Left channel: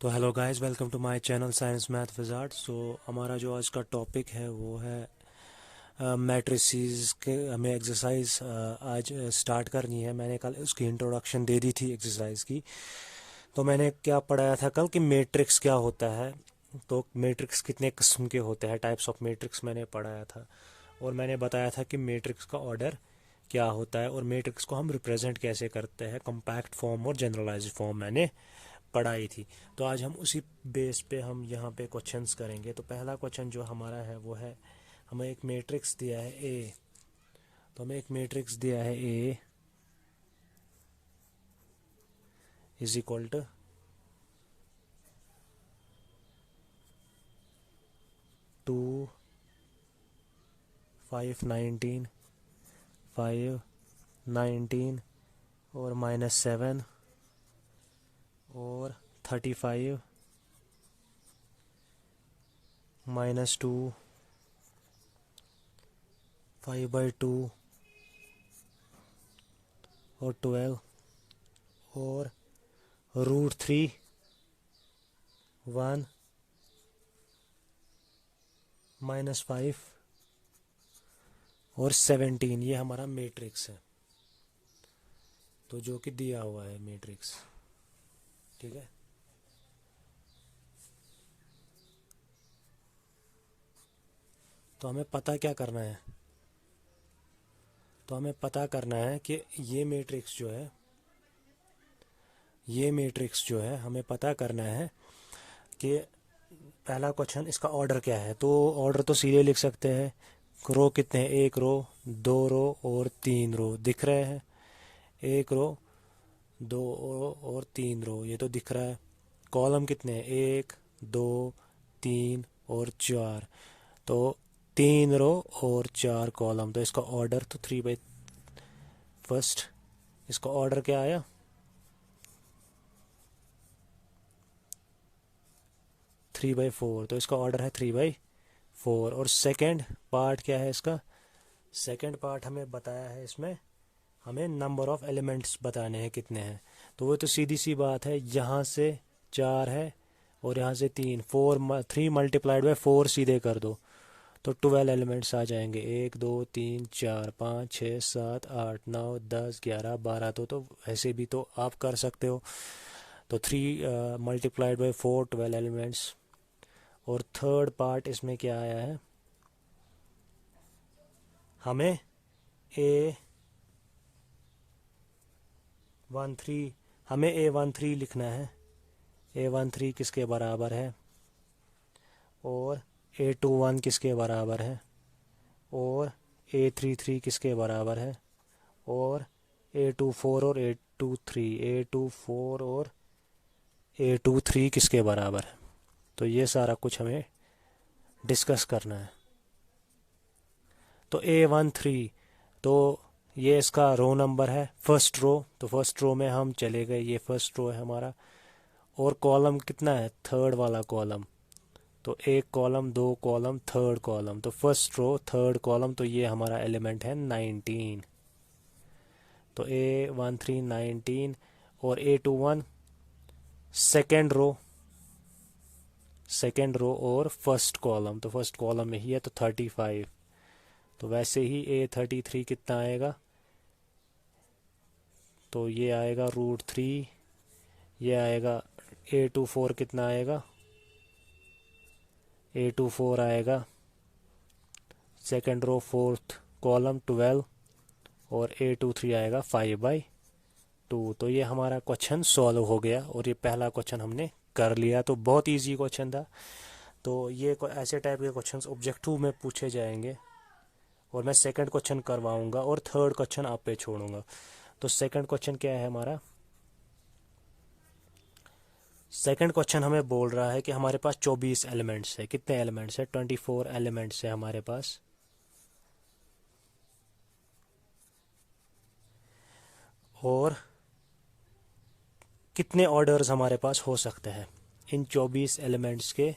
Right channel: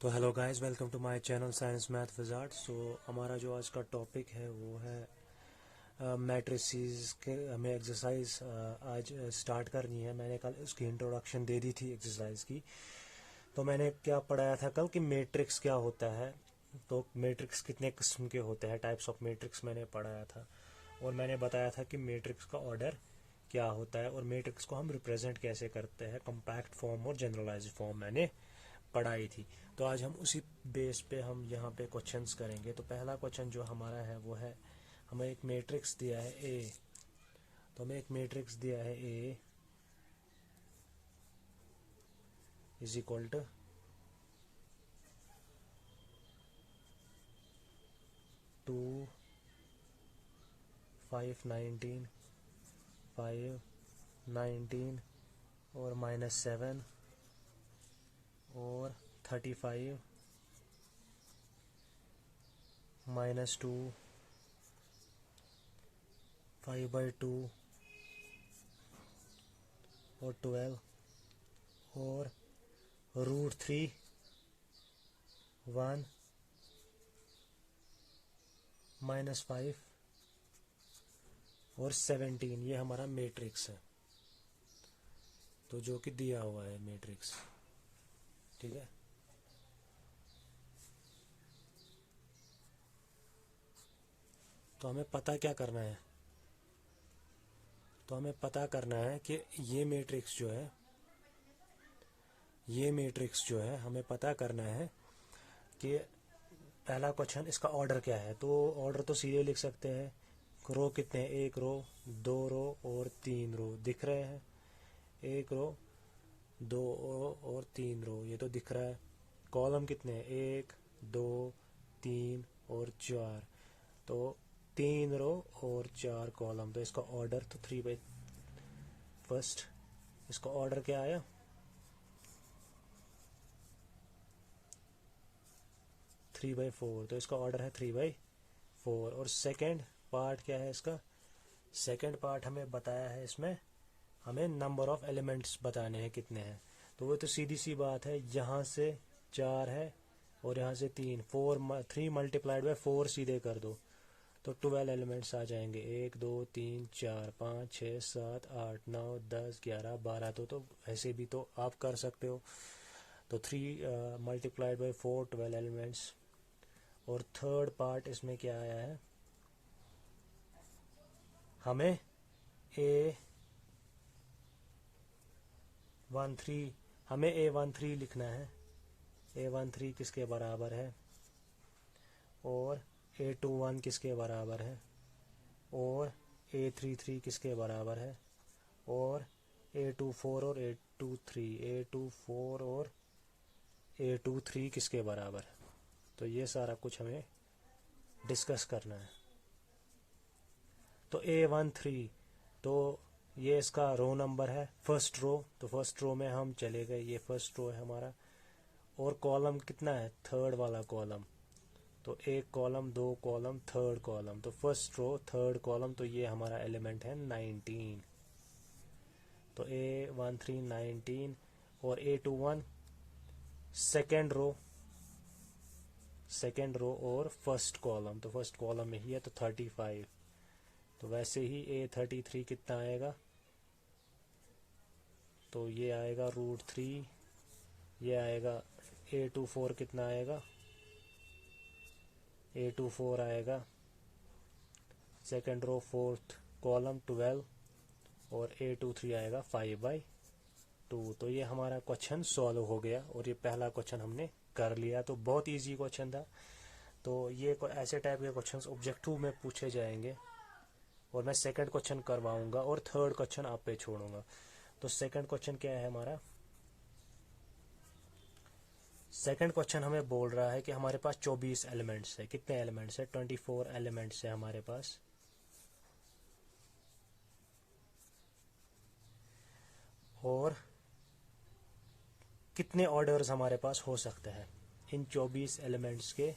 तो hello guys, welcome to my channel science math wizard. So हमारा जो आज का टॉपिक है वो है मैट्रिसेस के। हमें एक्सरसाइज आज स्टार्ट करनी है। मैंने कल उसकी इंट्रोडक्शन दे दी थी एक्सरसाइज की। तो मैंने क्या पढ़ाया था कल कि मैट्रिक्स क्या होता है, तो मैट्रिक्स कितने किस्म के होते हैं, टाइप्स ऑफ मैट्रिक्स मैंने पढ़ाया था। और मैंने बताया था कि मैट्रिक्स का ऑर्डर क्या होता है और मैट्रिक्स को हम रिप्रेजेंट कैसे करते हैं, कॉम्पैक्ट फॉर्म और जनरलाइज्ड फॉर्म मैंने पढ़ाई थी। तो आज हम उसी बेस पे हम यहाँ पे क्वेश्चंस करेंगे। तो पहला क्वेश्चन जो हमारा है वो है, हमें एक मैट्रिक्स दिया है ए। तो हमें एक मैट्रिक्स दिया है ए इज इक्वल टू 2, 5, 19, 5, 19 और -7 और 35, -2, 5/2 और 12 और √3, 1, -5 और 17। ये हमारा मैट्रिक्स है, तो जो कि दिया हुआ है मैट्रिक्स। ठीक है। तो हमें पता क्या करना है, तो हमें पता करना है कि ये मैट्रिक्स जो है, ये मैट्रिक्स जो है हमें पता करना है कि पहला क्वेश्चन इसका ऑर्डर क्या है। तो ऑर्डर तो सीधे लिख सकते हैं। रो कितने हैं, एक रो, दो रो और तीन रो दिख रहे हैं। एक रो, दो रो और तीन रो, ये तो दिख रहा है। कॉलम कितने हैं, एक, दो, तीन और चार। तो तीन रो और चार कॉलम, तो इसका ऑर्डर तो 3/1। इसका ऑर्डर क्या आया, 3/4। तो इसका ऑर्डर है 3/4। और सेकंड पार्ट क्या है इसका, सेकंड पार्ट हमें बताया है, इसमें हमें नंबर ऑफ एलिमेंट्स बताने हैं कितने हैं। तो वो तो सीधी सी बात है, यहाँ से चार है और यहाँ से तीन, 3 × 4 सीधे कर दो तो 12 एलिमेंट्स आ जाएंगे। 1, 2, 3, 4, 5, 6, 7, 8, 9, 10, 11, 12। तो ऐसे भी तो आप कर सकते हो। तो 3 × 4 12 एलिमेंट्स। और थर्ड पार्ट इसमें क्या आया है, हमें A13 हमें A13 लिखना है। A13 किसके बराबर है, और A21 किसके बराबर है, और A33 किसके बराबर है, और A24 और A24 और A23 किसके बराबर है। तो ये सारा कुछ हमें डिस्कस करना है। तो A13, तो ये इसका रो नंबर है, फर्स्ट रो। तो फर्स्ट रो में हम चले गए, ये फर्स्ट रो है हमारा। और कॉलम कितना है, थर्ड वाला कॉलम। तो एक कॉलम, दो कॉलम, थर्ड कॉलम। तो फर्स्ट रो थर्ड कॉलम, तो ये हमारा एलिमेंट है 19। तो A13 19 और A21 second row, second row और फर्स्ट कॉलम। तो फर्स्ट कॉलम में ही है तो 35। तो वैसे ही A33 कितना आएगा, तो ये आएगा √3। ये आएगा A24 कितना आएगा, A24 आएगा सेकेंड रो फोर्थ कॉलम 12 और A23 आएगा 5/2। तो ये हमारा क्वेश्चन सॉल्व हो गया और ये पहला क्वेश्चन हमने कर लिया। तो बहुत इजी क्वेश्चन था। तो ये ऐसे टाइप के क्वेश्चंस ऑब्जेक्टिव में पूछे जाएंगे और मैं सेकंड क्वेश्चन करवाऊंगा और थर्ड क्वेश्चन आप पे छोड़ूंगा। तो सेकंड क्वेश्चन क्या है हमारा, सेकंड क्वेश्चन हमें बोल रहा है कि हमारे पास 24 एलिमेंट्स है। कितने एलिमेंट्स है, 24 एलिमेंट्स है हमारे पास। और कितने ऑर्डर्स हमारे पास हो सकते हैं, इन 24 एलिमेंट्स के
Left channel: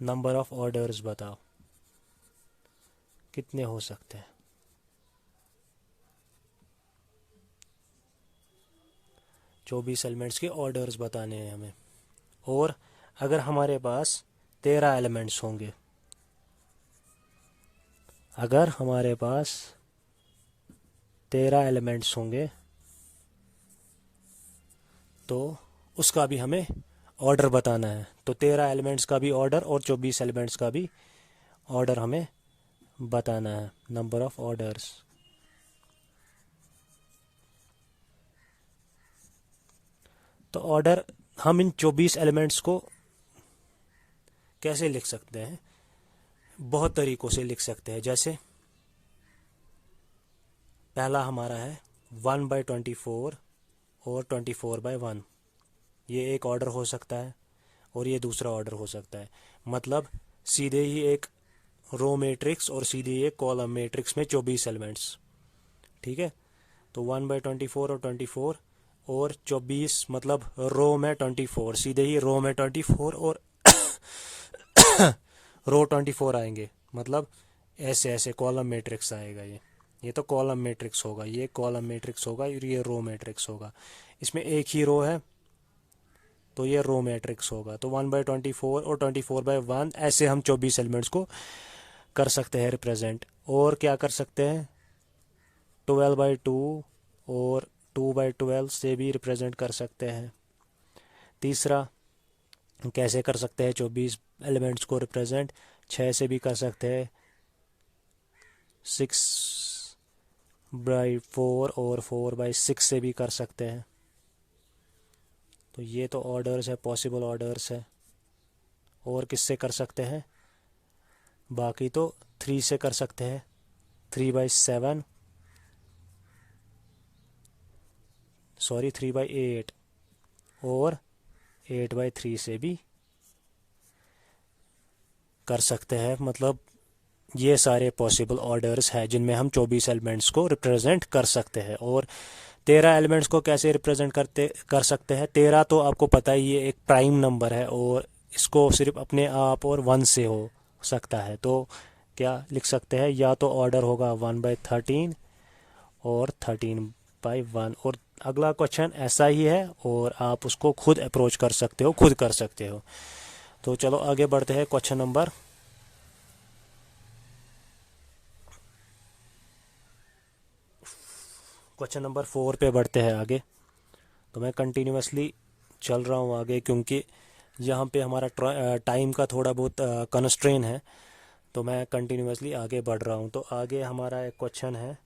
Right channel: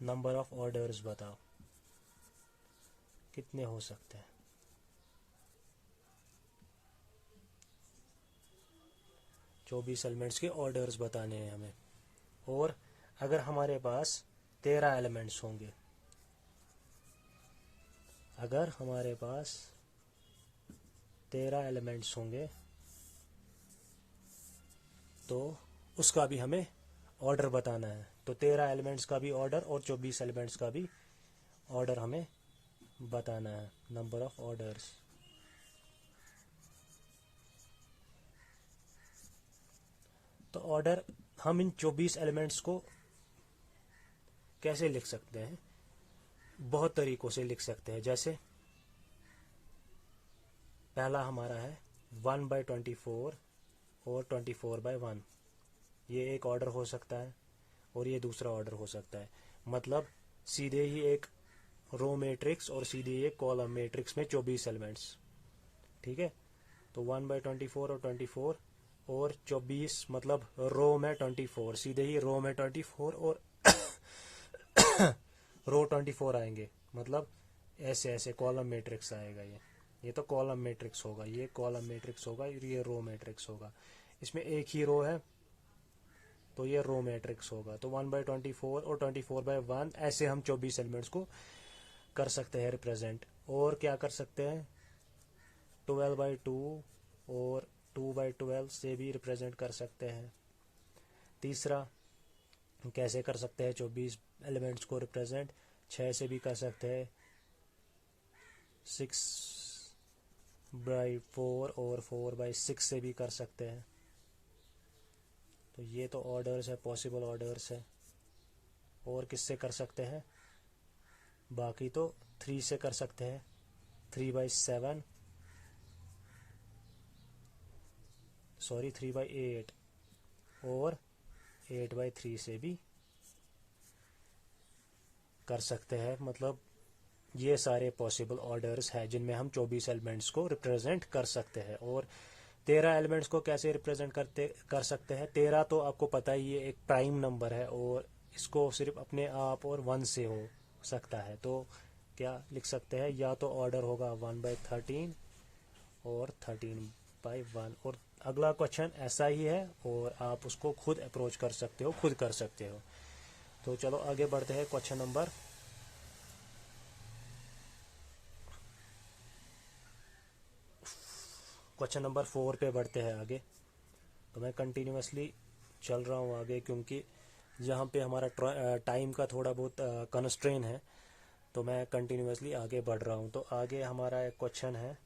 नंबर ऑफ ऑर्डर्स बताओ कितने हो सकते हैं। 24 एलिमेंट्स के ऑर्डर्स बताने हैं हमें। और अगर हमारे पास 13 एलिमेंट्स होंगे, अगर हमारे पास 13 एलिमेंट्स होंगे तो उसका भी हमें ऑर्डर बताना है। तो 13 एलिमेंट्स का भी ऑर्डर और 24 एलिमेंट्स का भी ऑर्डर हमें बताना है, नंबर ऑफ ऑर्डर्स। तो ऑर्डर हम इन 24 एलिमेंट्स को कैसे लिख सकते हैं? बहुत तरीक़ों से लिख सकते हैं। जैसे पहला हमारा है 1/24 और 24/1। ये एक ऑर्डर हो सकता है और ये दूसरा ऑर्डर हो सकता है। मतलब सीधे ही एक रो मैट्रिक्स और सीधे ही एक कॉलम मैट्रिक्स में 24 एलिमेंट्स। ठीक है, तो 1/24 और 24 और 24 मतलब रो में 24, सीधे ही रो में 24 और रो 24 आएंगे। मतलब ऐसे ऐसे कॉलम मैट्रिक्स आएगा। ये तो कॉलम मैट्रिक्स होगा, ये कॉलम मैट्रिक्स होगा और ये रो मैट्रिक्स होगा। इसमें एक ही रो है तो ये रो मैट्रिक्स होगा। तो 1/24 और 24/1 ऐसे हम 24 एलिमेंट्स को कर सकते हैं रिप्रेजेंट। और क्या कर सकते हैं, 12/2 और 2/12 से भी रिप्रेजेंट कर सकते हैं। तीसरा कैसे कर सकते हैं 24 एलिमेंट्स को रिप्रेजेंट, 6 से भी कर सकते हैं, 6/4 और 4/6 से भी कर सकते हैं। तो ये तो ऑर्डर्स है, पॉसिबल ऑर्डर्स है। और किससे कर सकते हैं, बाकी तो 3 से कर सकते हैं, 3/7 सॉरी 3/8 और 8/3 से भी कर सकते हैं। मतलब ये सारे पॉसिबल ऑर्डर्स हैं जिनमें हम 24 एलिमेंट्स को रिप्रेजेंट कर सकते हैं। और 13 एलिमेंट्स को कैसे रिप्रेजेंट कर सकते हैं, 13 तो आपको पता ही ये एक प्राइम नंबर है और इसको सिर्फ अपने आप और 1 से हो सकता है। तो क्या लिख सकते हैं, या तो ऑर्डर होगा 1/13 और 13/1। और अगला क्वेश्चन ऐसा ही है और आप उसको खुद अप्रोच कर सकते हो, खुद कर सकते हो। तो चलो आगे बढ़ते हैं क्वेश्चन नंबर 4 पे बढ़ते हैं आगे। तो मैं कंटिन्यूसली चल रहा हूँ आगे क्योंकि यहाँ पे हमारा टाइम का थोड़ा बहुत कंस्ट्रेन है। तो मैं कंटिन्यूसली आगे बढ़ रहा हूँ। तो आगे हमारा एक क्वेश्चन है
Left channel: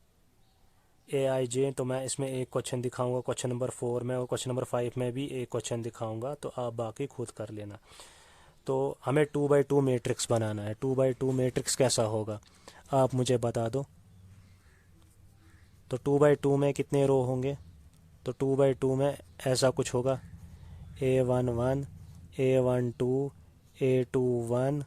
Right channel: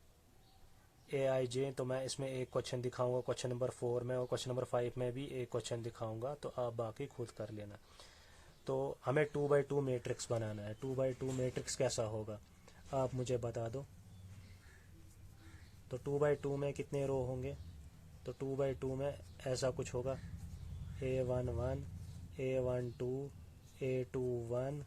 AIJ। तो मैं इसमें एक क्वेश्चन दिखाऊंगा क्वेश्चन नंबर 4 में, और क्वेश्चन नंबर 5 में भी एक क्वेश्चन दिखाऊंगा। तो आप बाकी खुद कर लेना। तो हमें 2/2 मैट्रिक्स बनाना है। 2/2 मैट्रिक्स कैसा होगा आप मुझे बता दो। तो 2/2 में कितने रो होंगे, तो 2/2 में ऐसा कुछ होगा, A11 A12 A21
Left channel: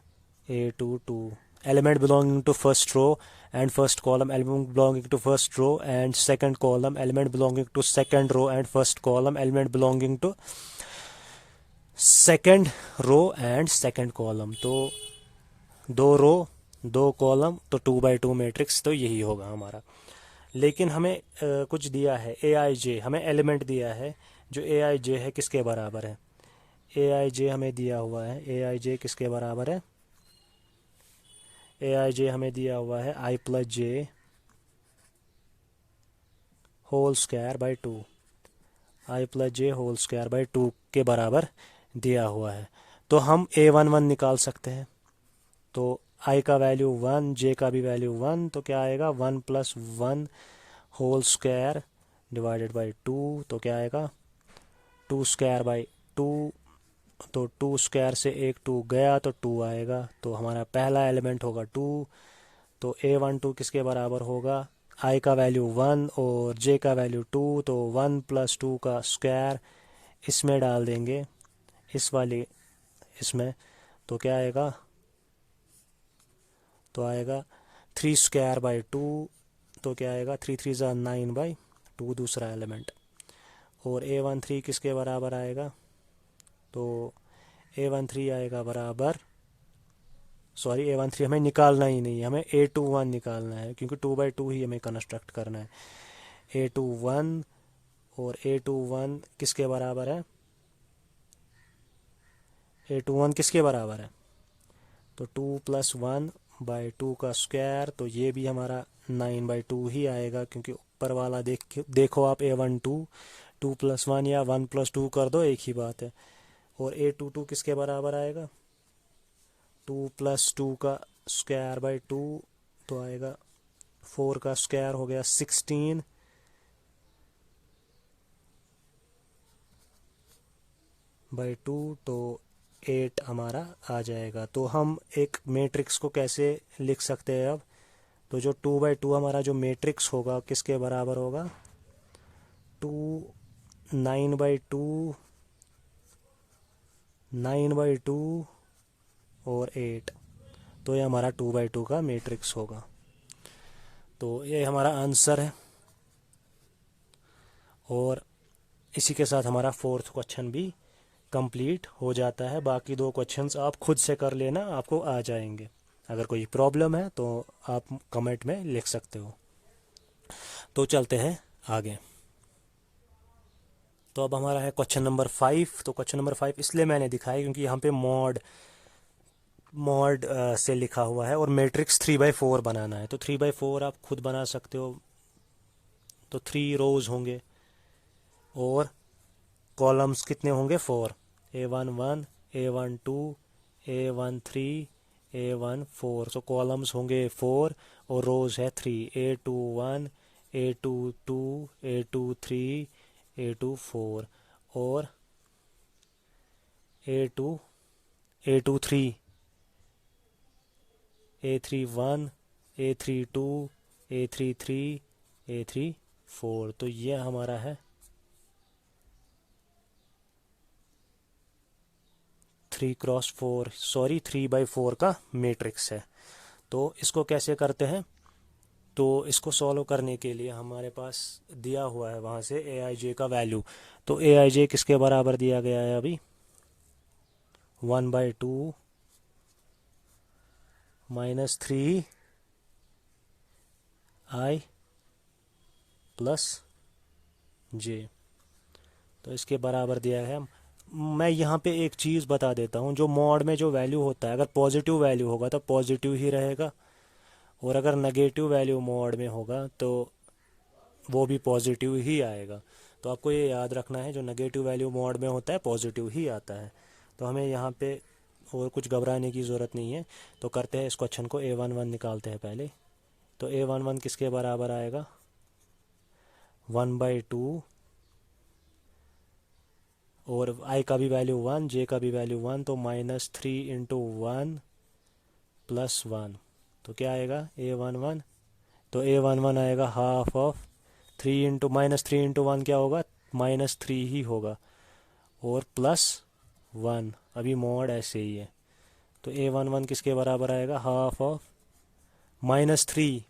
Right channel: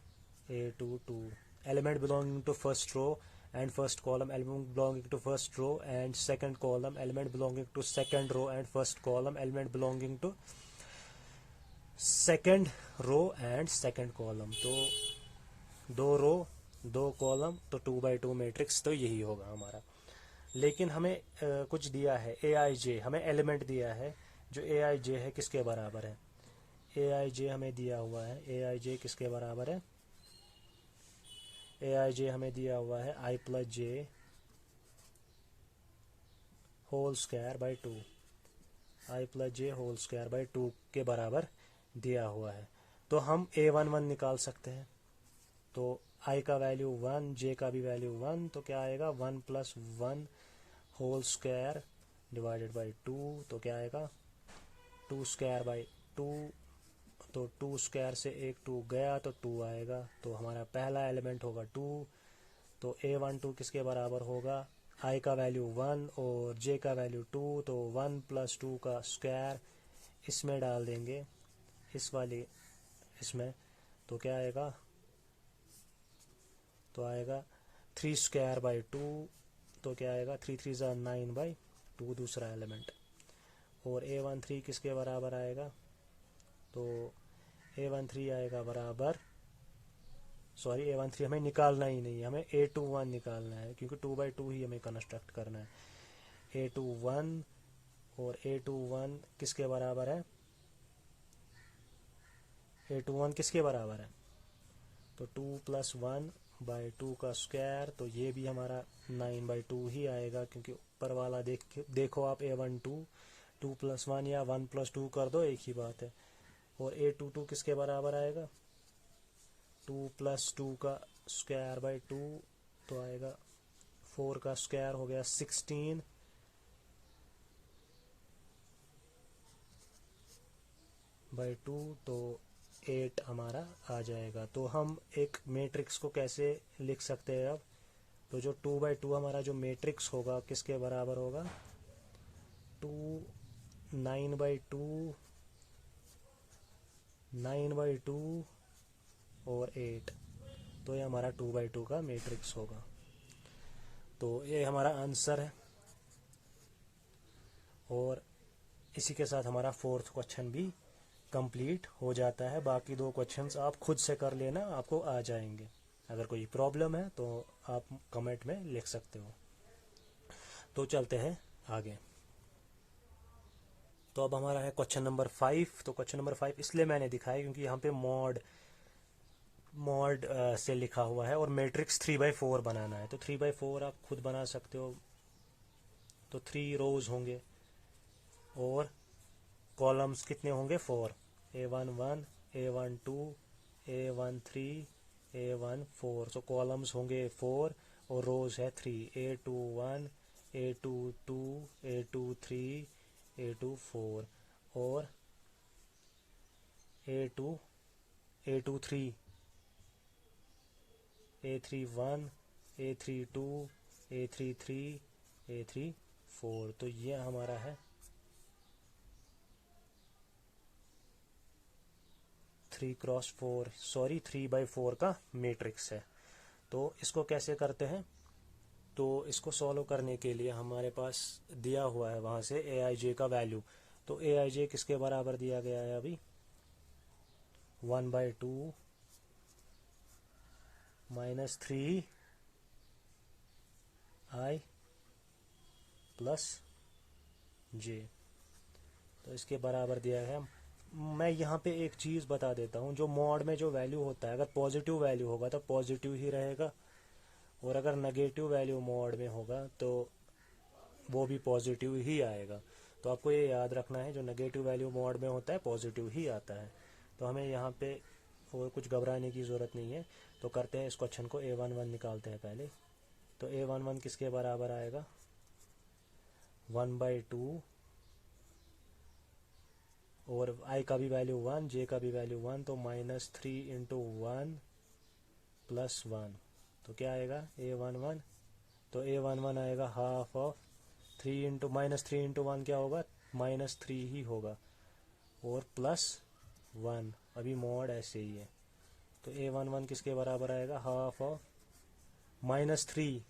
A22 element belonging to first row and first column, element belonging to first row and second column, element belonging to second row and first column, element belonging to second row and second column। तो 2 रो 2 column, तो 2/2 matrix तो यही होगा हमारा। लेकिन हमें कुछ दिया है AIJ, हमें एलिमेंट दिया है जो AIJ है किसके बराबर है। AIJ हमें दिया हुआ है, AIJ किसके बराबर है, AIJ हमें दिया हुआ है I+J whole square by 2, I+J whole square by 2 के बराबर दिया हुआ है। तो हम A11 निकाल सकते हैं। तो I का वैल्यू 1, J का भी वैल्यू 1, तो क्या आएगा 1 + 1 होल स्क्वायर डिवाइडेड बाई 2। तो क्या आएगा 2 स्क्वायर बाई 2। तो 2 स्क्वायर से एक 2 गया तो 2 आएगा। तो हमारा पहला एलिमेंट होगा 2। तो A12 किसके बराबर होगा, I का वैल्यू 1 और J का वैल्यू 2। तो 1 + 2 का स्क्वायर इसमें डाल देंगे, इस वाली इसमें। तो क्या आएगा, तो आएगा 3 स्क्वायर बाई 2। तो क्या आएगा 3 3 ज़ा 9/2 दूसरा एलिमेंट। और A13 किसके बराबर आएगा, तो A13 आएगा बराबर, सॉरी A13 हमें निकालना ही नहीं है, हमें A21 निकालना है क्योंकि 2/2 ही हमें कंस्ट्रक्ट करना है। A21 और A21 किसके बराबर है, A21 किसके बराबर है, तो 2+1/2 का स्क्वायर, तो ये भी हमारा 9/2 ही आएगा, क्योंकि ऊपर वाला देखो आप A12 2+1 या 1+2 कर दो, एक ही बात है। और A22 किसके बराबर आएगा, 2+2 का स्क्वायर बाई 2, तो आएगा 4 का स्क्वायर हो गया 16/2, तो 8 हमारा आ जाएगा। तो हम एक मैट्रिक्स को कैसे लिख सकते हैं अब, तो जो 2/2 हमारा जो मैट्रिक्स होगा किसके बराबर होगा, 9/2 9/2 और 8, तो ये हमारा 2/2 का मैट्रिक्स होगा। तो ये हमारा आंसर है। और इसी के साथ हमारा 4th क्वेश्चन भी कंप्लीट हो जाता है। बाकी 2 क्वेश्चंस आप खुद से कर लेना, आपको आ जाएंगे। अगर कोई प्रॉब्लम है तो आप कमेंट में लिख सकते हो। तो चलते हैं आगे। तो अब हमारा है क्वेश्चन नंबर 5। तो क्वेश्चन नंबर 5 इसलिए मैंने दिखाया क्योंकि यहाँ पे मॉड से लिखा हुआ है और मैट्रिक्स 3/4 बनाना है। तो 3/4 आप खुद बना सकते हो। तो 3 रोज होंगे और कॉलम्स कितने होंगे, 4, A11 A12 A13 A14। सो कॉलम्स होंगे 4 और रोज है 3, A21 A22 A23 A24 और A23 A31 A32 A33 A34। तो ये हमारा है 3/4 का मैट्रिक्स है। तो इसको कैसे करते हैं, तो इसको सॉल्व करने के लिए हमारे पास दिया हुआ है वहाँ से AIJ का वैल्यू। तो AIJ किसके बराबर दिया गया है अभी, 1/2 -3 I + J। तो इसके बराबर दिया है। मैं यहाँ पे एक चीज़ बता देता हूँ, जो मॉड में जो वैल्यू होता है, अगर पॉजिटिव वैल्यू होगा तो पॉजिटिव ही रहेगा, और अगर नेगेटिव वैल्यू मॉड में होगा तो वो भी पॉजिटिव ही आएगा। तो आपको ये याद रखना है, जो नेगेटिव वैल्यू मॉड में होता है पॉजिटिव ही आता है। तो हमें यहाँ पे और कुछ घबराने की ज़रूरत नहीं है। तो करते हैं इस क्वेश्चन को, A11 निकालते हैं पहले। तो A11 किसके बराबर आएगा, 1/2, और I का भी वैल्यू 1, J का भी वैल्यू 1, तो -3 × 1 + 1। तो क्या आएगा, A11, तो A11 आएगा हाफ ऑफ 3 × -3 × 1 क्या होगा, -3 ही होगा, और +1, अभी मॉड ऐसे ही है। तो A11 किसके बराबर आएगा, हाफ ऑफ -3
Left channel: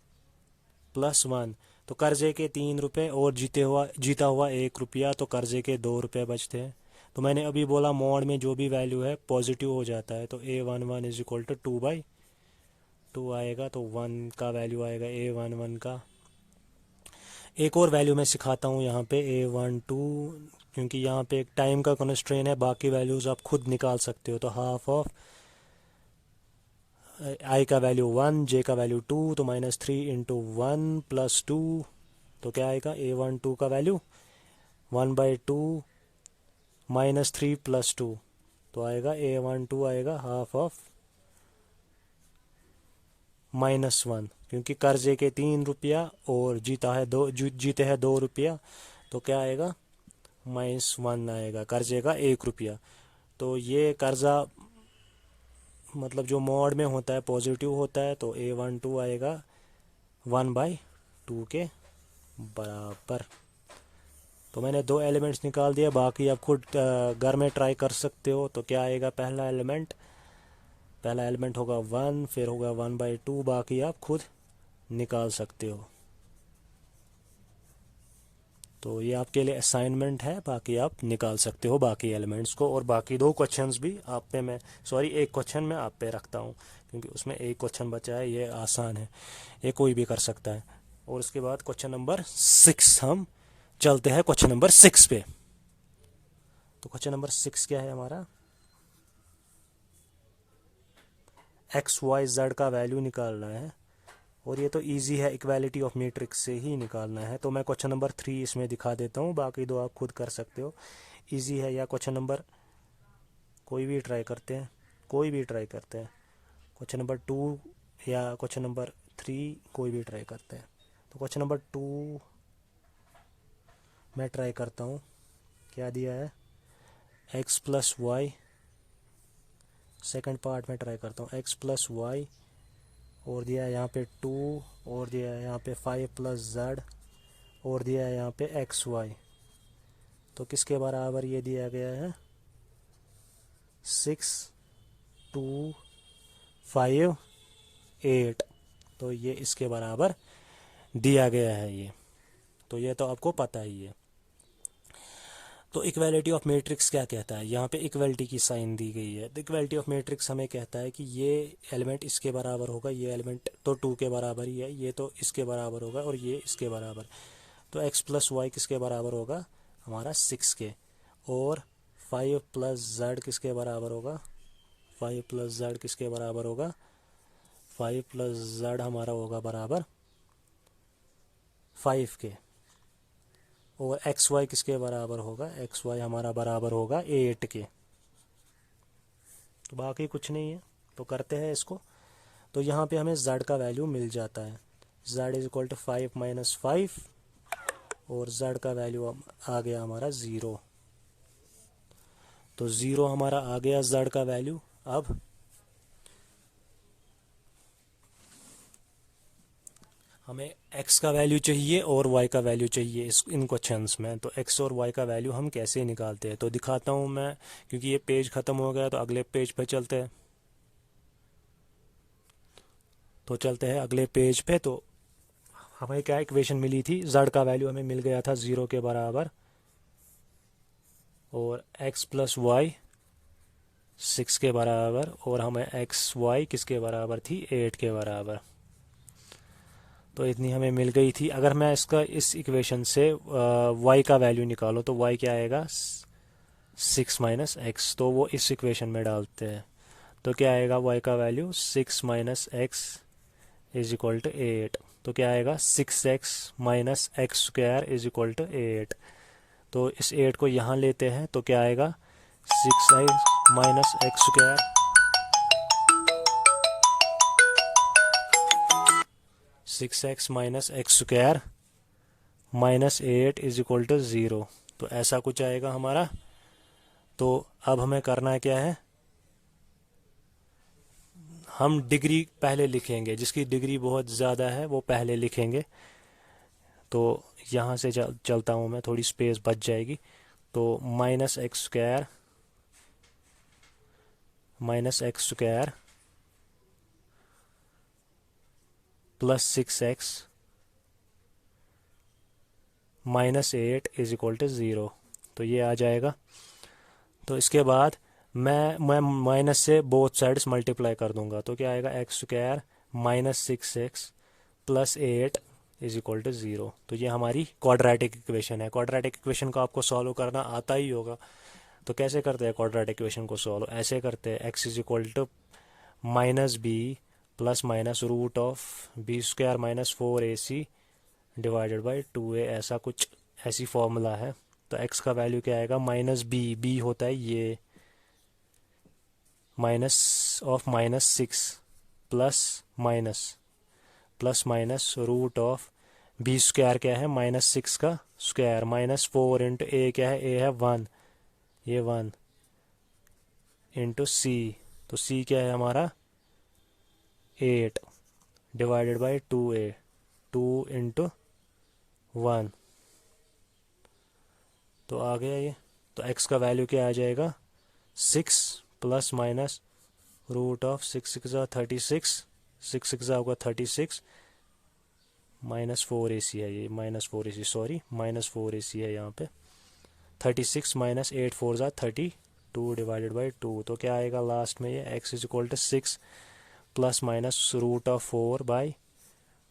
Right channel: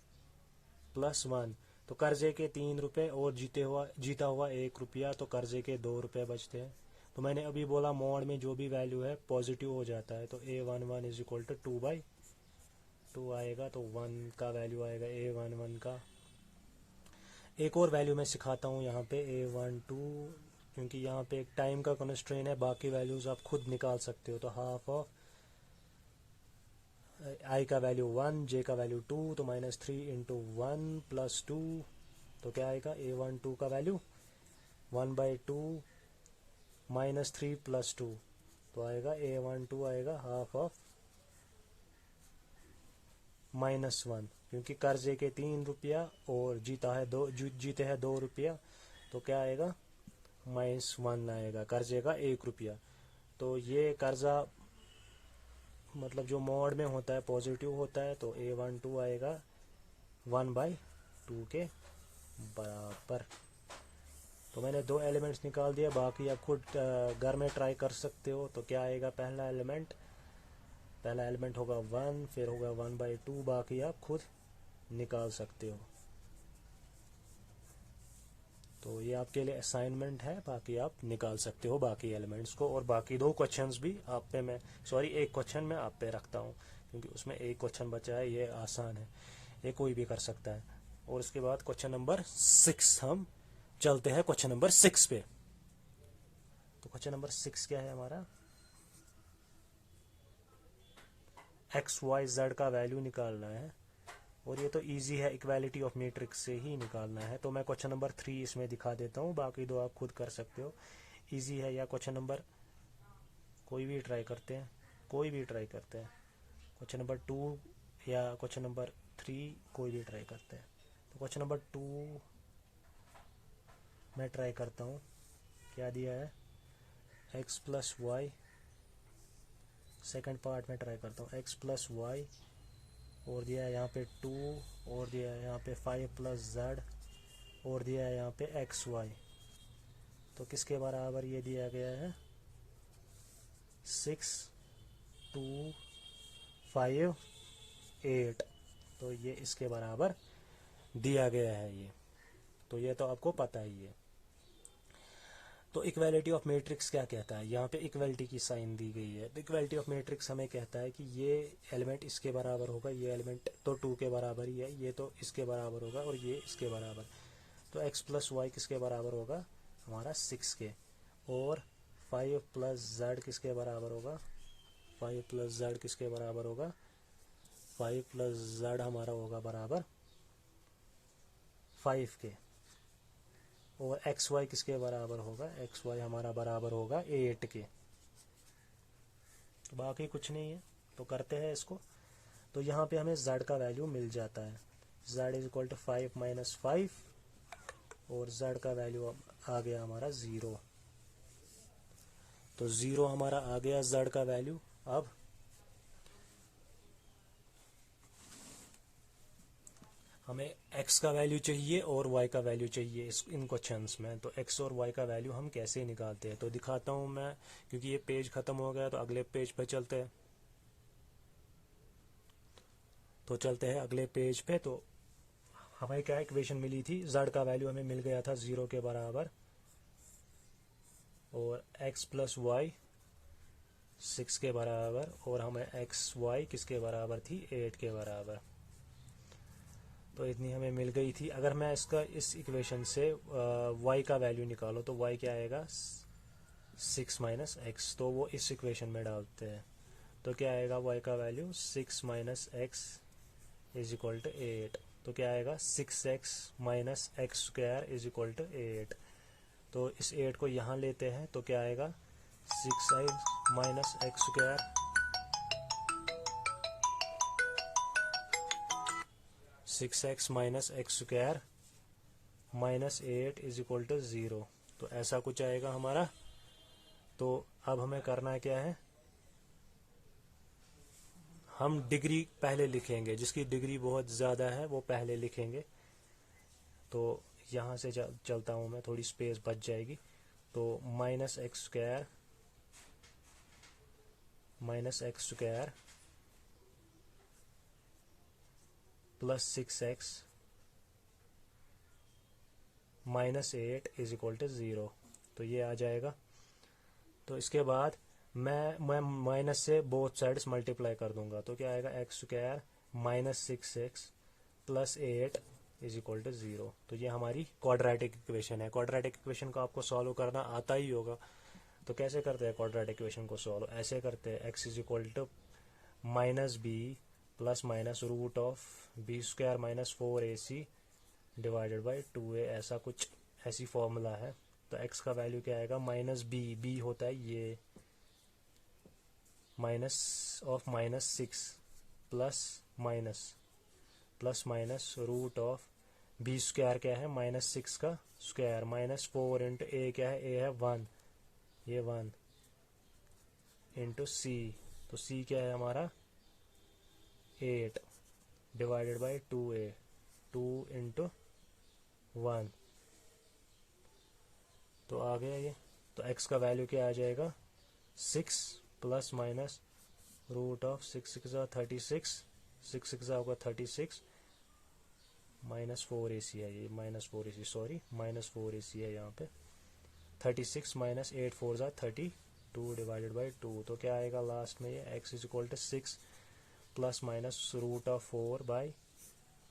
+ 1। तो कर्जे के 3 रुपये और जीता हुआ 1 रुपया, तो कर्जे के 2 रुपये बचते हैं। तो मैंने अभी बोला मॉड में जो भी वैल्यू है पॉजिटिव हो जाता है। तो A11 = 2/2 आएगा। तो 1 का वैल्यू आएगा A11 का। एक और वैल्यू मैं सिखाता हूँ यहाँ पे, A12, क्योंकि यहाँ पे एक टाइम का कंस्ट्रेंट है, बाकी वैल्यूज़ आप खुद निकाल सकते हो। तो हाफ ऑफ I का वैल्यू 1, J का वैल्यू 2, तो -3 × 1 + 2, तो क्या आएगा, A12 का वैल्यू 1/2 -3 + 2, तो आएगा A12 आएगा हाफ ऑफ -1, क्योंकि कर्जे के 3 रुपया और जीते हैं 2 रुपया, तो क्या आएगा, -1 आएगा, कर्जे का 1 रुपया। तो ये कर्जा मतलब जो मॉड में होता है पॉजिटिव होता है, तो A12 आएगा 1/2 के बराबर। तो मैंने 2 एलिमेंट्स निकाल दिया, बाकी आप खुद घर में ट्राई कर सकते हो। तो क्या आएगा, पहला एलिमेंट होगा 1, फिर होगा 1/2, बाकी आप खुद निकाल सकते हो। तो ये आपके लिए असाइनमेंट है, बाकी आप निकाल सकते हो बाकी एलिमेंट्स को। और बाकी 2 क्वेश्चंस भी आप पे एक क्वेश्चन मैं आप पे रखता हूँ, क्योंकि उसमें एक क्वेश्चन बचा है, ये आसान है, ये कोई भी कर सकता है। और उसके बाद क्वेश्चन नंबर 6 हम चलते हैं क्वेश्चन नंबर 6 पे। तो क्वेश्चन नंबर 6 क्या है हमारा, एक्स वाई जेड का वैल्यू निकालना है, और ये तो इजी है, इक्वालिटी ऑफ मैट्रिक्स से ही निकालना है। तो मैं क्वेश्चन नंबर 3 इसमें दिखा देता हूँ, बाकी दो आप खुद कर सकते हो, इजी है। या क्वेश्चन नंबर कोई भी ट्राई करते हैं, कोई भी ट्राई करते हैं, क्वेश्चन नंबर 2 या क्वेश्चन नंबर 3 कोई भी ट्राई करते हैं। तो क्वेश्चन नंबर 2 मैं ट्राई करता हूँ, क्या दिया है, x plus y, second part में ट्राई करता हूँ, एक्स प्लस वाई, और दिया है यहाँ पे 2, और दिया है यहाँ पे 5 प्लस जेड, और दिया है यहाँ पे एक्स वाई। तो किसके बराबर ये दिया गया है, 6 2 5 8, तो ये इसके बराबर दिया गया है ये। तो ये तो आपको पता ही है। तो इक्वालिटी ऑफ मैट्रिक्स क्या कहता है, यहाँ पे इक्वालिटी की साइन दी गई है। तो इक्वालिटी ऑफ मैट्रिक्स हमें कहता है कि ये एलिमेंट इसके बराबर होगा, ये एलिमेंट तो 2 के बराबर ही है, ये तो इसके बराबर होगा, और ये इसके बराबर। तो x प्लस वाई किसके बराबर होगा, हमारा 6 के, और 5 प्लस जेड किसके बराबर होगा, 5 प्लस जेड किसके बराबर होगा, 5 प्लस जेड हमारा होगा बराबर 5 के, और एक्स वाई किसके बराबर होगा, एक्स वाई हमारा बराबर होगा 8 के। तो बाकी कुछ नहीं है, तो करते हैं इसको। तो यहाँ पे हमें z का वैल्यू मिल जाता है, z is equal to 5 minus 5, और z का वैल्यू आ गया हमारा 0। तो 0 हमारा आ गया z का वैल्यू। अब हमें x का वैल्यू चाहिए और y का वैल्यू चाहिए इन क्वेश्चंस में। तो x और y का वैल्यू हम कैसे निकालते हैं, तो दिखाता हूँ मैं, क्योंकि ये पेज ख़त्म हो गया, तो अगले पेज पे चलते हैं। तो चलते हैं अगले पेज पे। तो हमें क्या इक्वेशन मिली थी, z का वैल्यू हमें मिल गया था 0 के बराबर, और x प्लस वाई 6 के बराबर, और हमें एक्स वाई किसके बराबर थी, 8 के बराबर। तो इतनी हमें मिल गई थी। अगर मैं इसका इस इक्वेशन से y का वैल्यू निकालो, तो y क्या आएगा, 6 माइनस एक्स, तो वो इस इक्वेशन में डालते हैं। तो क्या आएगा y का value, 6 minus x is equal to 8। तो क्या आएगा, 6x minus x square is equal to 8। तो इस 8 को यहाँ लेते हैं, तो क्या आएगा, 6x minus x square, 6x minus x square minus 8 is equal to 0। तो ऐसा कुछ आएगा हमारा। तो अब हमें करना क्या है, हम डिग्री पहले लिखेंगे, जिसकी डिग्री बहुत ज़्यादा है वो पहले लिखेंगे। तो यहाँ से चलता हूँ मैं, थोड़ी स्पेस बच जाएगी। तो minus x square plus 6x minus 8 is equal to 0। तो ये आ जाएगा। तो इसके बाद मैं माइनस से बोथ साइड्स मल्टीप्लाई कर दूंगा। तो क्या आएगा, x square minus 6x plus 8 is equal to 0। तो ये हमारी क्वाड्रेटिक इक्वेशन है। क्वाड्रेटिक इक्वेशन को आपको सॉल्व करना आता ही होगा। तो कैसे करते हैं क्वाड्रेटिक इक्वेशन को सॉल्व, ऐसे करते हैं, x is equal to minus b plus minus root of b square minus 4ac divided by 2a, ऐसा कुछ, ऐसी फॉर्मूला है। तो x का वैल्यू क्या आएगा, माइनस बी होता है ये, minus of minus 6 plus minus root of b square क्या है, माइनस 6 का स्क्वायर माइनस 4 इंटू ए क्या है, ए है 1, ये 1 इंटू सी। तो सी क्या है हमारा 8 डिवाइडेड बाई 2a, 2 इंटू 1। तो आ गया ये। तो x का वैल्यू क्या आ जाएगा, 6 प्लस माइनस रूट ऑफ 6 6 36, 6 6 होगा 36, माइनस 4ac है ये, minus 4ac, sorry minus 4ac है यहाँ पे। 36 माइनस 8 4 32 डिवाइडेड बाई 2। तो क्या आएगा लास्ट में, ये x is equal to 6 plus minus root of 4/2।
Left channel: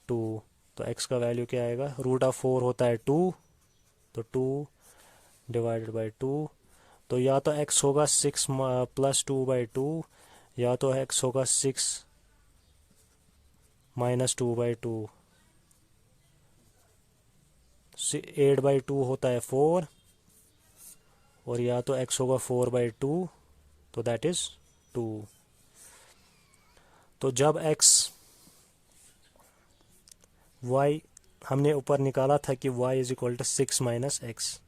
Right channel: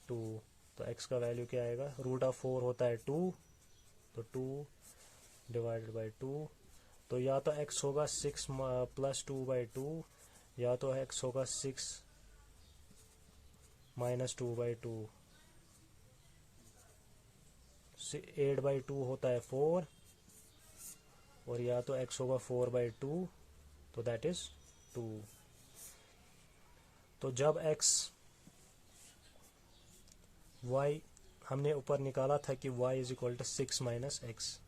तो x का वैल्यू क्या आएगा, रूट ऑफ 4 होता है 2, तो 2 डिवाइडेड बाई 2, तो या तो x होगा 6 प्लस 2/2, या तो x होगा 6 माइनस 2/2। 8/2 होता है 4, और या तो x होगा 4/2, तो दैट इज 2। तो जब y हमने ऊपर निकाला था कि y is equal to 6 minus x,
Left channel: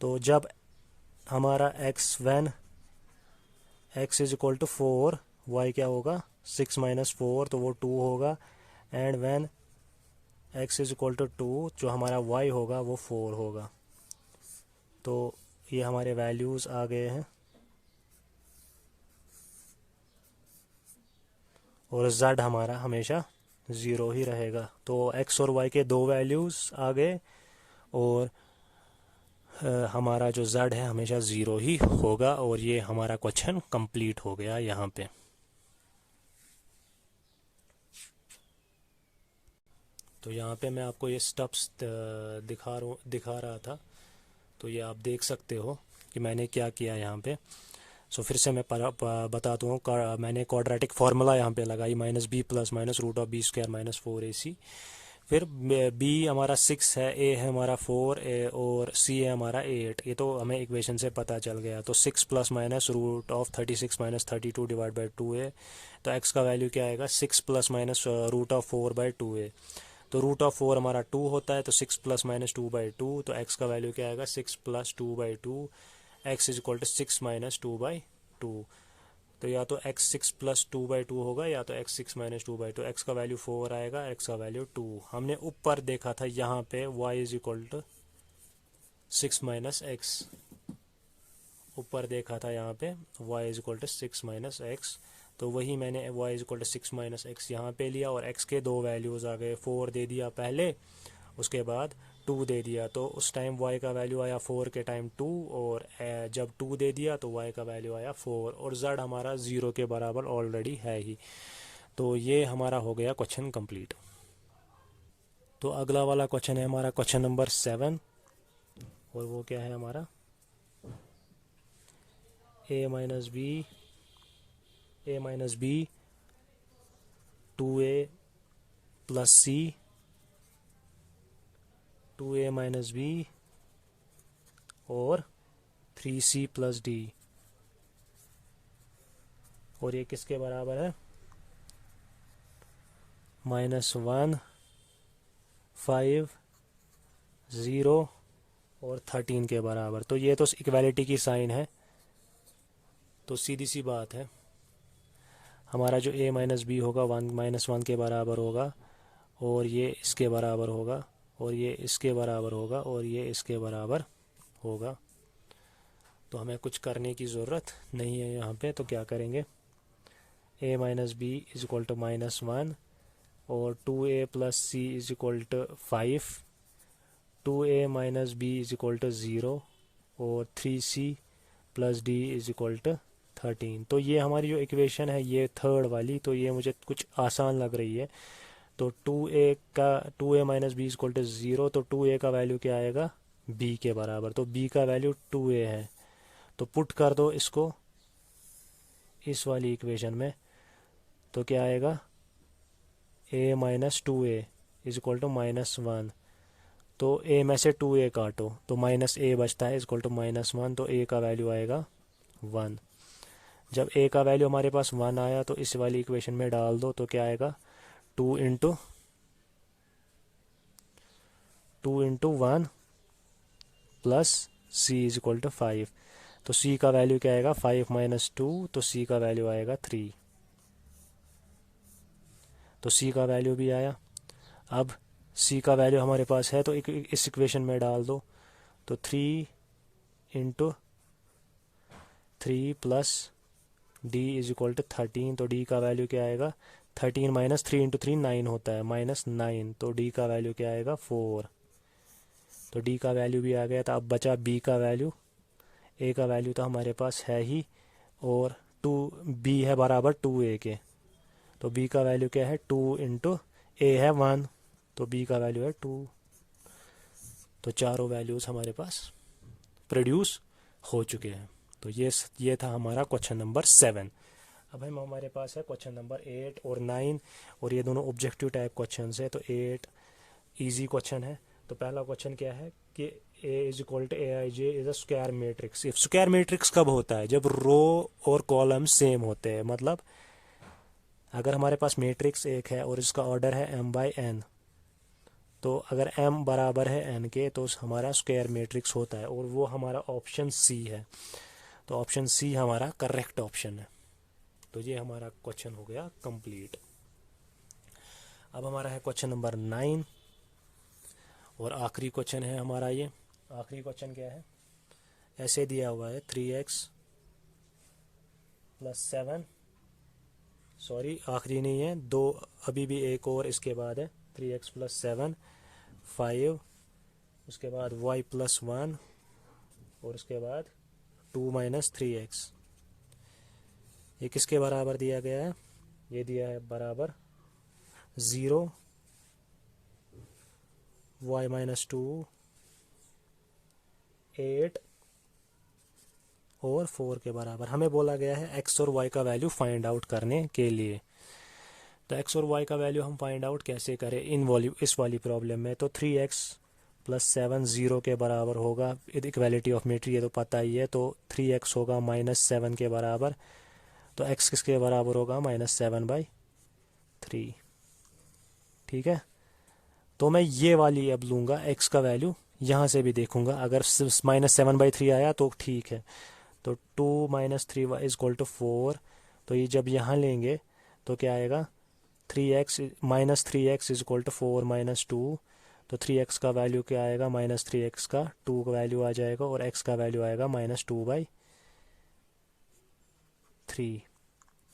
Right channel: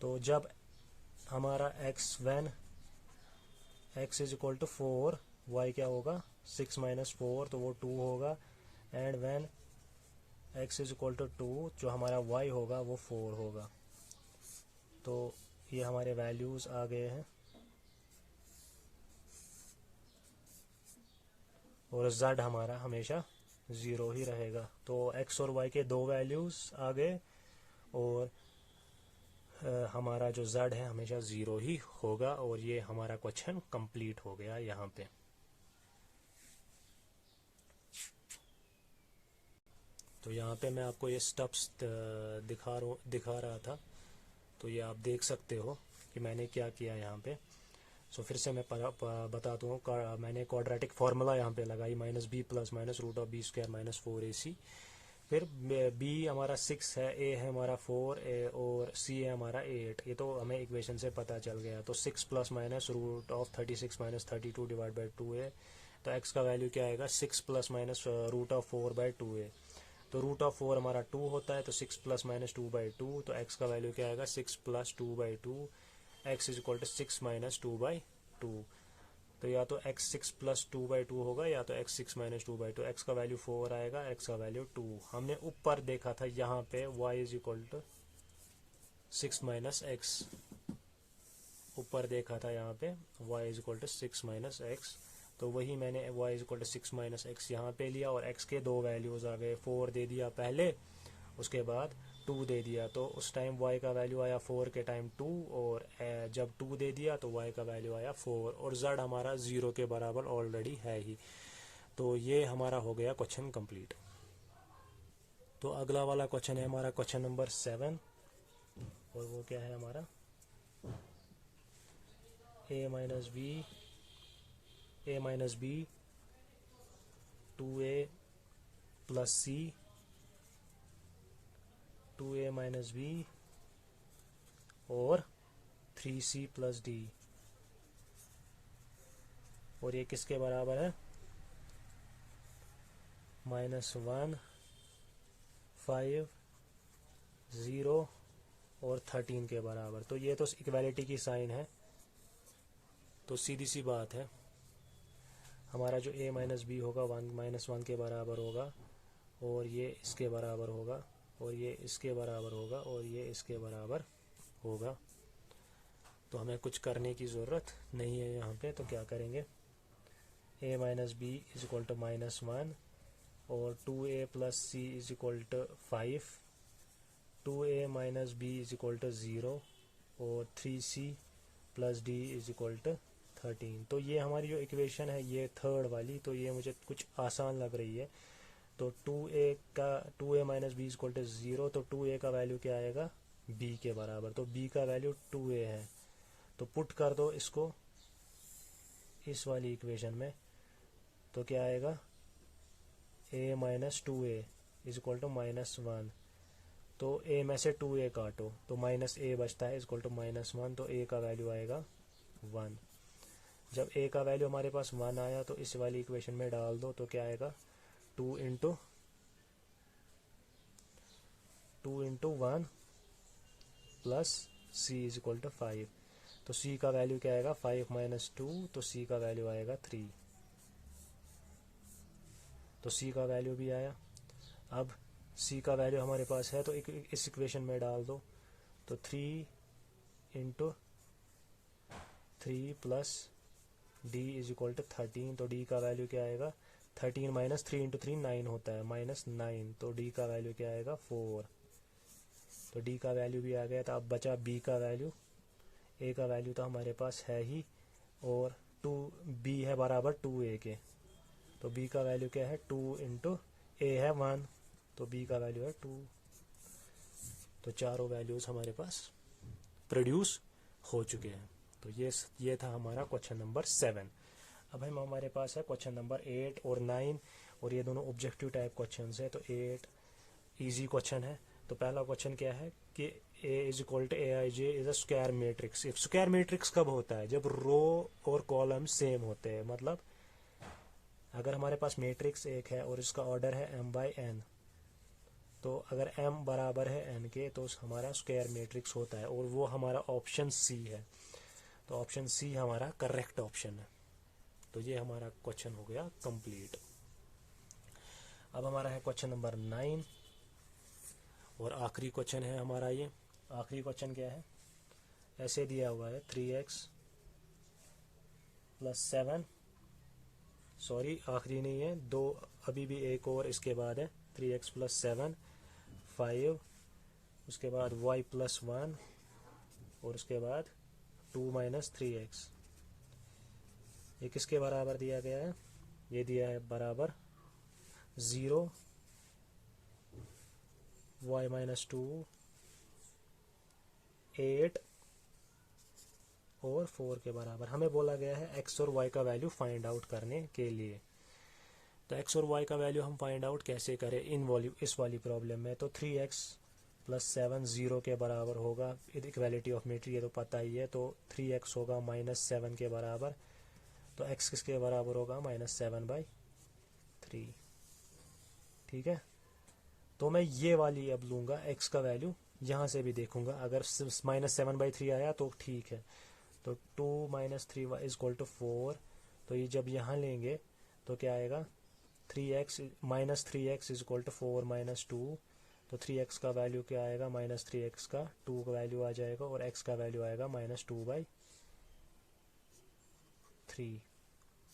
तो जब हमारा when x is equal to 4, y क्या होगा 6 माइनस 4, तो वो 2 होगा। And when x is equal to 2, जो हमारा y होगा वो 4 होगा। तो ये हमारे वैल्यूज़ आ गए हैं, और z हमारा हमेशा 0 ही रहेगा। तो x और y के दो वैल्यूज़ आ गए, और हमारा जो z है हमेशा 0 ही होगा, और ये हमारा क्वेश्चन कंप्लीट हो गया यहाँ पे। तो यहाँ पे मैं आपको ये स्टेप्स दिखा रहा था, तो ये आप देख सकते हो कि मैंने क्या किया यहाँ पे। सो फिर से मैं बताता हूँ। मैंने क्वाड्रेटिक फार्मूला यहाँ पे लगाई, -b plus minus root of b² minus 4ac। फिर b हमारा 6 है, a है हमारा 4, और c है हमारा 8। ये तो हमें इक्वेशन से पता चल गया। तो 6 plus minus root of 36 minus 32 divide by 2a। तो x का वैल्यू क्या आएगा 6 plus minus root of 4/2a। तो रूट ऑफ 4 हमारा 2 होता है, तो 6 प्लस माइनस 2/2, तो x का वैल्यू क्या आएगा 6 plus 2/2। x is equal to 6 minus 2/2। तो या तो x 6 प्लस 2/2 होगा, या तो x 6 माइनस 2/2। x का वैल्यू 4 आएगा, x का वैल्यू 2। हमने ऊपर देखा था यहाँ पे y is equal to 6 minus x, ऊपर देखा था यहाँ पे y is equal to 6 minus x. तो वही मैंने y is equal to 6 minus x यहाँ पे लिया, और x के दो वैल्यूज़ आ गए। 4 दे दिया पहले, उसके बाद 2 दे दिया। तो उस टाइम y का वैल्यू आया 4 के टाइम 2, और जब 2 दे दिया तो y का वैल्यू आया 4, और z हमारा 0 के बराबर ऑलरेडी है ही। तो ये हमारा हो गया क्वेश्चन कंप्लीट। तो अगला वाला क्वेश्चन है हमारा क्वेश्चन नंबर 7, और वो क्या है हमारा a minus b 2a plus c 2a minus b और 3c प्लस d। और ये किसके बराबर है -1 5 0 और 13 के बराबर। तो ये तो इक्वालिटी की साइन है, तो सीधी सी बात है हमारा जो a माइनस बी होगा 1 के बराबर होगा, और ये इसके बराबर होगा, और ये इसके बराबर होगा, और ये इसके बराबर होगा। तो हमें कुछ करने की ज़रूरत नहीं है यहाँ पे। तो क्या करेंगे, a minus b is equal to -1, और 2a plus c is equal to 5, 2a minus b is equal to 0, और 3c plus d is equal to 13। तो ये हमारी जो इक्वेशन है ये थर्ड वाली, तो ये मुझे कुछ आसान लग रही है। तो 2a minus b is equal to 0, तो 2a का वैल्यू क्या आएगा b के बराबर। तो b का वैल्यू 2a है, तो पुट कर दो इसको इस वाली इक्वेशन में। तो क्या आएगा a minus 2a is equal to -1। तो a में से 2a काटो तो -a बचता है इज इक्वल टू -1, तो a का वैल्यू आएगा 1। जब a का वैल्यू हमारे पास 1 आया तो इस वाली इक्वेशन में डाल दो, तो क्या आएगा 2 into 1 plus c is equal to 5। तो c का वैल्यू क्या आएगा 5 माइनस 2, तो c का वैल्यू आएगा 3। तो c का वैल्यू भी आया। अब c का वैल्यू हमारे पास है, तो इस इक्वेशन में डाल दो। तो 3 into 3 plus d is equal to 13, तो d का वैल्यू क्या आएगा 13 माइनस 3 इंटू 3 9 होता है, -9। तो d का वैल्यू क्या आएगा 4। तो d का वैल्यू भी आ गया था। अब बचा b का वैल्यू। a का वैल्यू तो हमारे पास है ही, और b है बराबर 2a के। तो b का वैल्यू क्या है 2 इंटू a है 1, तो b का वैल्यू है 2। तो चारों वैल्यूज़ हमारे पास प्रोड्यूस हो चुके हैं। तो ये था हमारा क्वेश्चन नंबर 7। अब हम हमारे पास है क्वेश्चन नंबर 8 और 9, और ये दोनों ऑब्जेक्टिव टाइप क्वेश्चन है। तो 8 इजी क्वेश्चन है। तो पहला क्वेश्चन क्या है कि A is equal to AIJ is a square matrix. If square matrix कब होता है? जब रो और कॉलम सेम होते हैं। मतलब अगर हमारे पास मैट्रिक्स एक है और इसका ऑर्डर है m/n, तो अगर m बराबर है n के तो हमारा स्क्वायर मैट्रिक्स होता है, और वो हमारा ऑप्शन सी है। तो ऑप्शन सी हमारा करेक्ट ऑप्शन है। तो ये हमारा क्वेश्चन हो गया कंप्लीट। अब हमारा है क्वेश्चन नंबर 9, और आखिरी क्वेश्चन है हमारा ये। आखिरी क्वेश्चन क्या है? ऐसे दिया हुआ है 3x + 7, सॉरी आखिरी नहीं है, दो अभी भी एक और इसके बाद है। 3x + 7 5, उसके बाद y + 1, और उसके बाद 2 - 3x। ये किसके बराबर दिया गया है? ये दिया है बराबर 0, y - 2, 8 और 4 के बराबर। हमें बोला गया है x और y का वैल्यू फाइंड आउट करने के लिए। तो x और y का वैल्यू हम फाइंड आउट कैसे करें इस वाली प्रॉब्लम में? तो 3x + 7 0 के बराबर होगा। इक्वालिटी ऑफ मेट्री ये तो पता ही है। तो 3x होगा -7 के बराबर। तो x किसके बराबर होगा? -7/3। ठीक है। तो मैं ये वाली अब लूँगा, x का वैल्यू यहाँ से भी देखूँगा। अगर -7/3 आया तो ठीक है। तो 2 - 3 = 4। तो ये जब यहाँ लेंगे तो क्या आएगा? 3x = 4 - 2। तो 3x का वैल्यू क्या आएगा? -3x का 2 का वैल्यू आ जाएगा, और x का वैल्यू आएगा -2/3।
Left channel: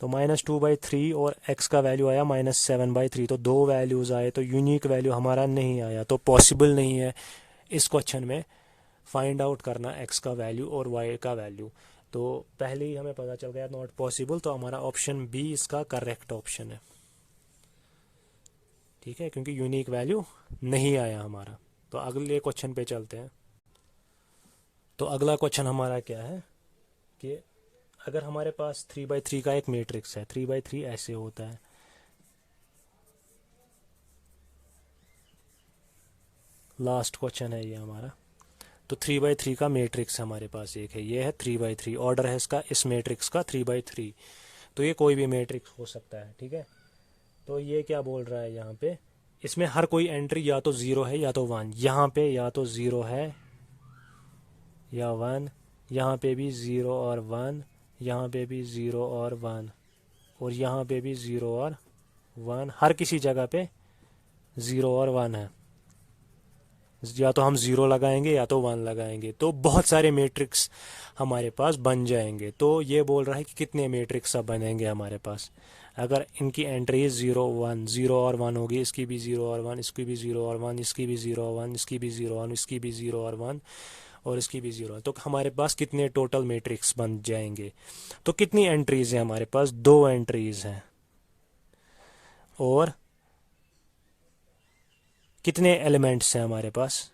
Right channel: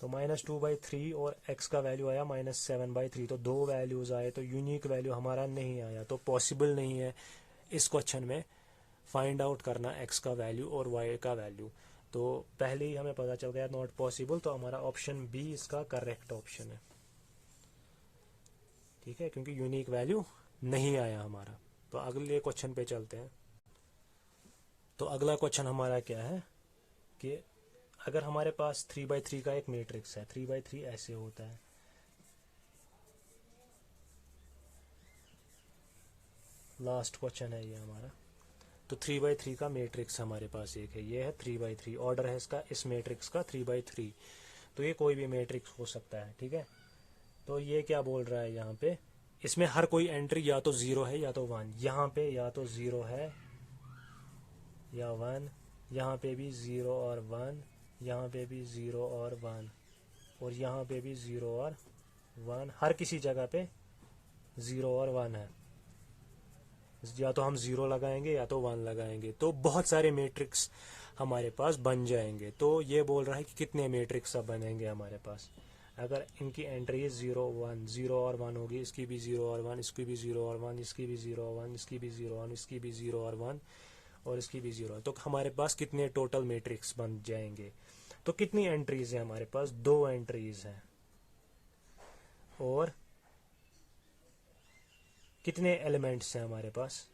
तो -2/3 और x का वैल्यू आया -7/3। तो दो वैल्यूज़ आए, तो यूनिक वैल्यू हमारा नहीं आया। तो पॉसिबल नहीं है इस क्वेश्चन में फाइंड आउट करना x का वैल्यू और y का वैल्यू। तो पहले ही हमें पता चल गया नॉट पॉसिबल। तो हमारा ऑप्शन बी इसका करेक्ट ऑप्शन है। ठीक है, क्योंकि यूनिक वैल्यू नहीं आया हमारा। तो अगले क्वेश्चन पे चलते हैं। तो अगला क्वेश्चन हमारा क्या है कि अगर हमारे पास 3/3 का एक मैट्रिक्स है। 3/3 ऐसे होता है। लास्ट क्वेश्चन है ये हमारा। तो 3/3 का मैट्रिक्स हमारे पास एक है। ये है 3/3, ऑर्डर है इसका इस मैट्रिक्स का 3/3। तो ये कोई भी मैट्रिक्स हो सकता है। ठीक है। तो ये क्या बोल रहा है यहाँ पे? इसमें हर कोई एंट्री या तो 0 है या तो 1। यहाँ पे या तो 0 है या 1, यहाँ पे भी 0 और 1, यहाँ पे भी 0 और 1, और यहाँ पे भी 0 और 1। हर किसी जगह पे 0 और 1 है। या तो हम 0 लगाएंगे या तो 1 लगाएंगे, तो बहुत सारे मैट्रिक्स हमारे पास बन जाएंगे। तो ये बोल रहा है कि कितने मैट्रिक्स अब बनेंगे हमारे पास अगर इनकी एंट्री 0 1 0 और 1 होगी। इसकी भी 0 और 1, इसकी भी 0 और 1, इसकी भी 0 और 1, इसकी भी 0 और 1, इसकी भी 0 और 1, और इसकी भी 0। तो हमारे पास कितने टोटल मैट्रिक्स बन जाएंगे? तो कितनी एंट्रीज है हमारे पास? 2 एंट्रीज हैं। और कितने एलिमेंट्स हैं हमारे पास?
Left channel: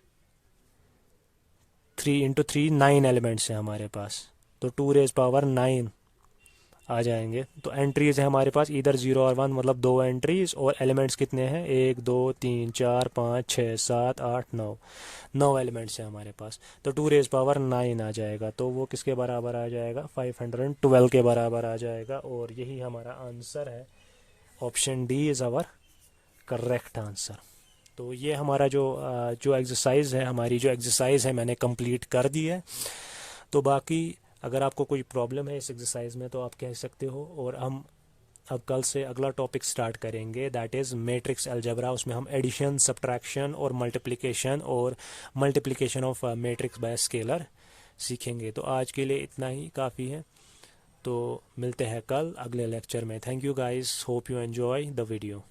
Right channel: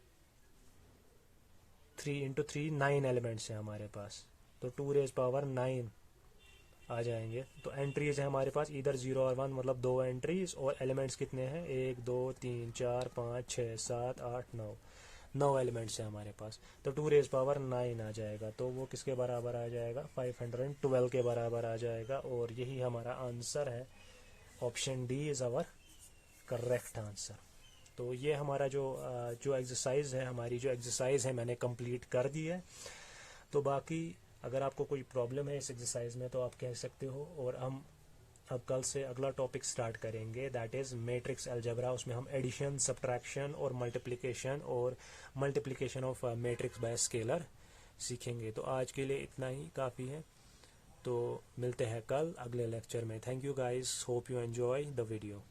3 × 3 9 एलिमेंट्स हैं हमारे पास। तो 2⁻⁹ आ जाएंगे। तो एंट्रीज है हमारे पास इधर 0 और 1, मतलब 2 एंट्रीज। और एलिमेंट्स कितने हैं? 1 2 3 4 5 6 7 8 9, 9 एलिमेंट्स हैं हमारे पास। तो 2⁻⁹ आ जाएगा। तो वो किसके बराबर आ जाएगा? 512 के बराबर आ जाएगा। और यही हमारा आंसर है। Option D is our correct answer. तो ये हमारा जो एक्सरसाइज है, हमारी जो एक्सरसाइज है मैंने कंप्लीट कर दी है। तो बाकी अगर आपको कोई प्रॉब्लम है इस एक्सरसाइज में तो आप कह सकते हो। और हम अब कल से अगला टॉपिक स्टार्ट करेंगे, दैट इज़ मैट्रिक्स अलजेब्रा। उसमें हम एडिशन, सब्ट्रैक्शन और multiplication of matrix bye scalar सीखेंगे। तो आज के लिए इतना ही काफ़ी है। तो मिलते हैं कल अगले लेक्चर में। Thank you guys, hope you enjoy the video.